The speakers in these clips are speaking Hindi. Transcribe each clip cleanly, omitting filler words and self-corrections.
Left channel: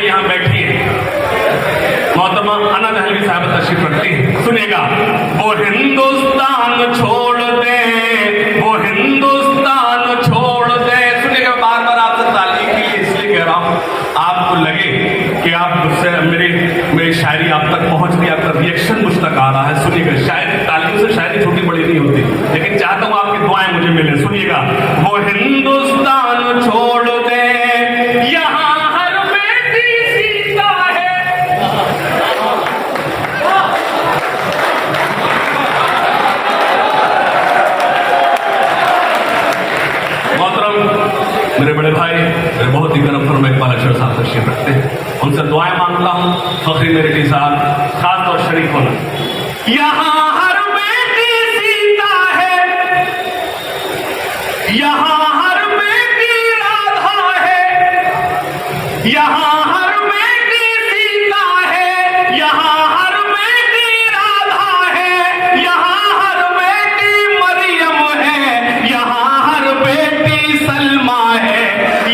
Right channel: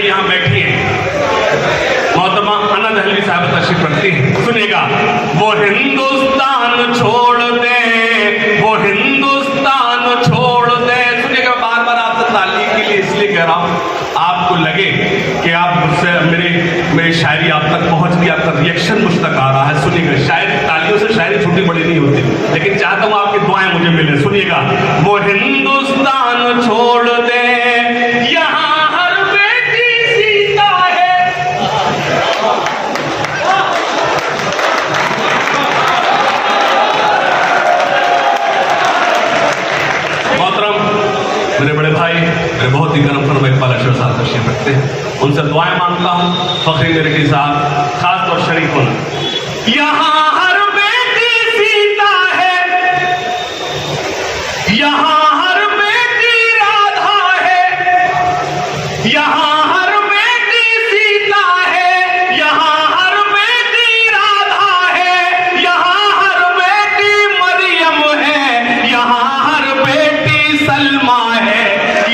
है यहाँ बैठी है, मोहतरमा अना दहलवी साहब तशरीफ रखती है। सुनिएगा, वो हिंदुस्तान छोड़ दे, वो हिंदुस्तान छोड़ दे। सुनिएगा, बार बार आपसे ताली के लिए इसलिए कह रहा हूं, आपको लगे कि आप मुझसे मेरी शायरी आप तक पहुंच गई, आपका रिएक्शन मुझ तक आ रहा है। सुनिएगा, शायरी तालियों से शायरी छोटी बड़ी नहीं होती, लेकिन चाहता हूं आपकी दुआएं मुझे मिले। सुनिएगा, वो हिंदुस्तान छोड़ दे, यहाँ हर बेटी सीता है। मोहतरम मेरे बड़े भाई, मेरे बहुत ही गर्म फरमा इकबाल अशरफ साहब तशरीफ रखते हैं, उनसे दुआएं मांगता हूं। फखरी मेरे साहब खास और शरीफ होना, यहाँ हर बेटी सीता है, यहाँ हर बेटी राधा है, यहाँ हर बेटी सीता है, यहाँ हर बेटी राधा है, यहाँ हर बेटी मरियम है, यहाँ हर बेटी सलमा है।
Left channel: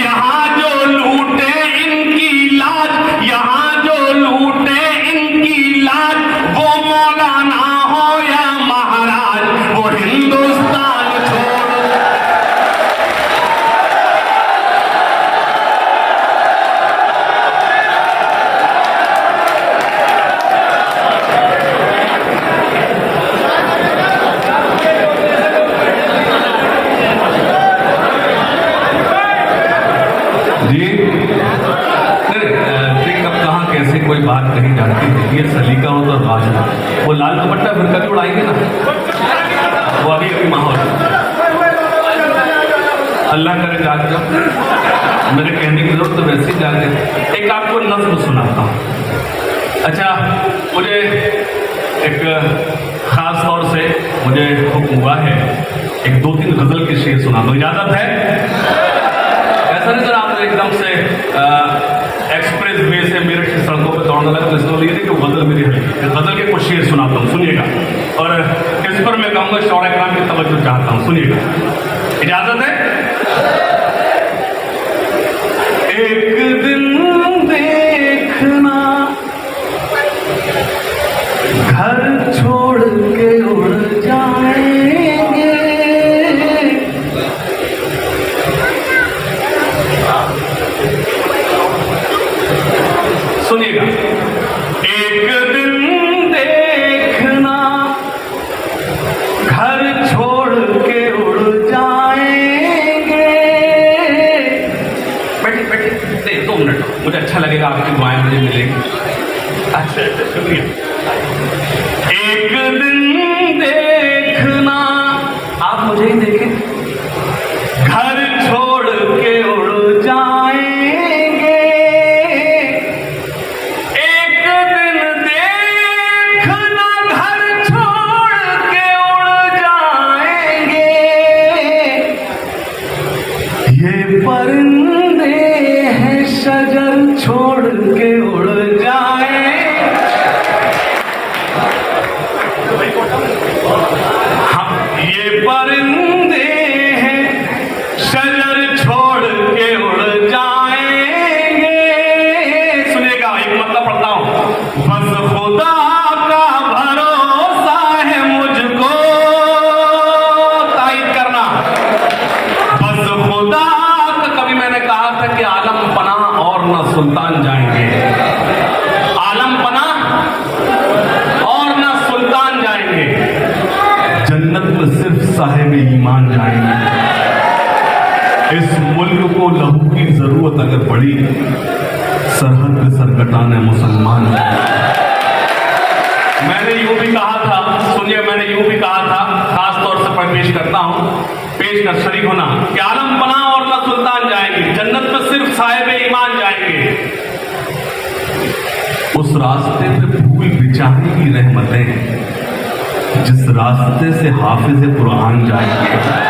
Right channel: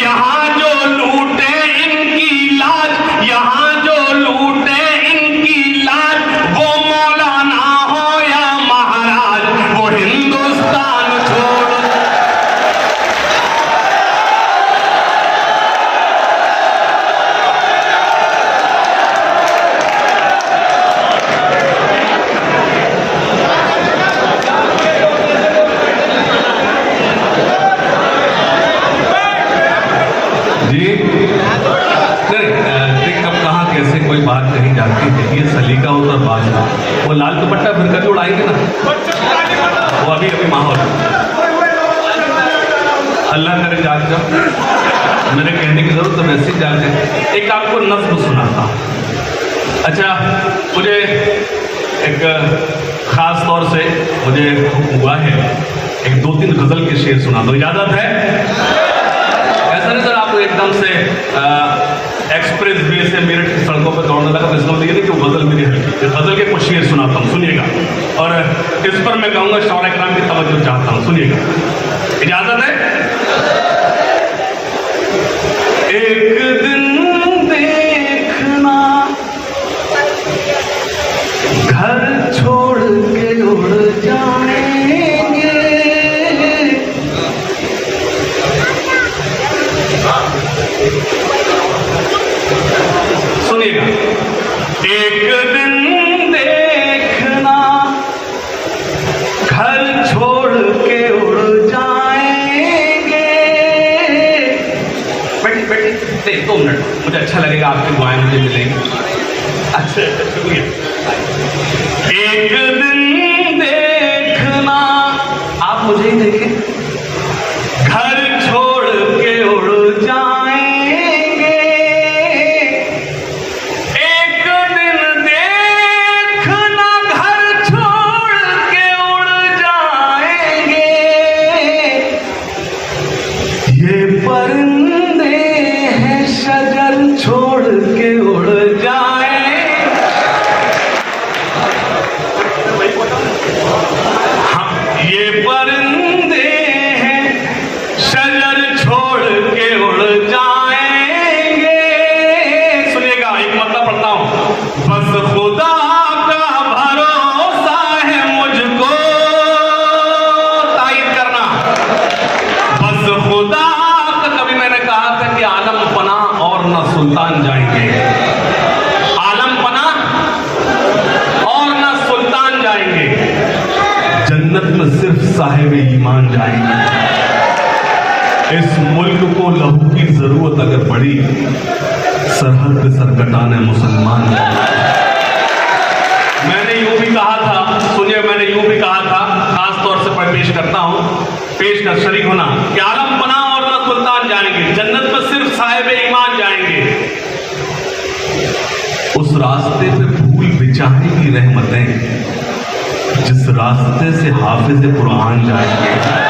यहाँ जो लूटे इनकी लाज, यहाँ जो लूटे इनकी लाज, वो मौलाना हो या महाराज, वो हिंदुस्तान छोड़। जी कहाँ कैसे कोई बात नहीं जानती थी, ये सलीका होता बात। वो लाल दुपट्टा फिर कभी उड़ाएंगे ना, वो अभी अभी माहौल। अल्लाह करे जाग जब मेरे कहने की जरूरत तो वैसे ही जाग जाए। एक आपको नज़्म सुनाता हूँ। अच्छा, मुझे एक खास तौर से मुझे हुक्म हुआ है एक 2-3 गजल के शेर सुना दो, इजाजत है? ऐसा नहीं सर आपको एकदम से एक्सप्रेस वे से मेरे सड़कों पर दौड़ने लगा, तो इसका ये कि वो गजल मेरी हल्की, गजल के कुछ शेर सुनाता हूँ, सुनिएगा। और इस पर मैं कहूँगा शौरा कराम की तवज्जो चाहता हूँ, सुनिएगा, इजाजत है? एक दिन देखना घर छोड़ के उड़ जाएंगे, सुनिएगा, एक दिन देखना घर छोड़ के उड़ जाएंगे। बैठी दे 2 मिनट, मुझे अच्छा लगेगा, आपकी दुआएं मुझे मिलेंगी। अच्छा शुक्रिया। एक दिन देखना, आप मुझे ही देखें, घर छोड़ के उड़ जाएंगे। एक दिन देखना, घर छोड़ के उड़ जाएंगे। ये परिंदे हैं शजर छोड़ के उड़ जाए। हाँ, ये परिंदे हैं शजर छोड़ के उड़ जाएंगे। सुनिएगा, एक मतलब पढ़ता हूं, बस खुदा का भरोसा है मुझको, ताईद करना, बस खुदा का। कभी मैंने कहा था कि आलम पना और न सुल्तान जाएंगे, आलम पना और न सुल्तान जाएंगे, जन्नत में सिर्फ साहिब ईमान जाएंगे। इस मुल्क को लहू की जरूरत अगर पड़ी, सरहद पे सर कटाने मुसलमान। मैंने यूं भी कहा था, सुनिए, मैंने यूं भी कहा था, खास तौर से पेश करता हूं, पेश कर शरीक होना, कि आलम पना और न सुल्तान जाएंगे, जन्नत में सिर्फ साहिब ईमान जाएंगे। उस रास्ते पे फूल बिछाएगी रहमतें, जिस रास्ते से हाफिज कुरान जाएंगे।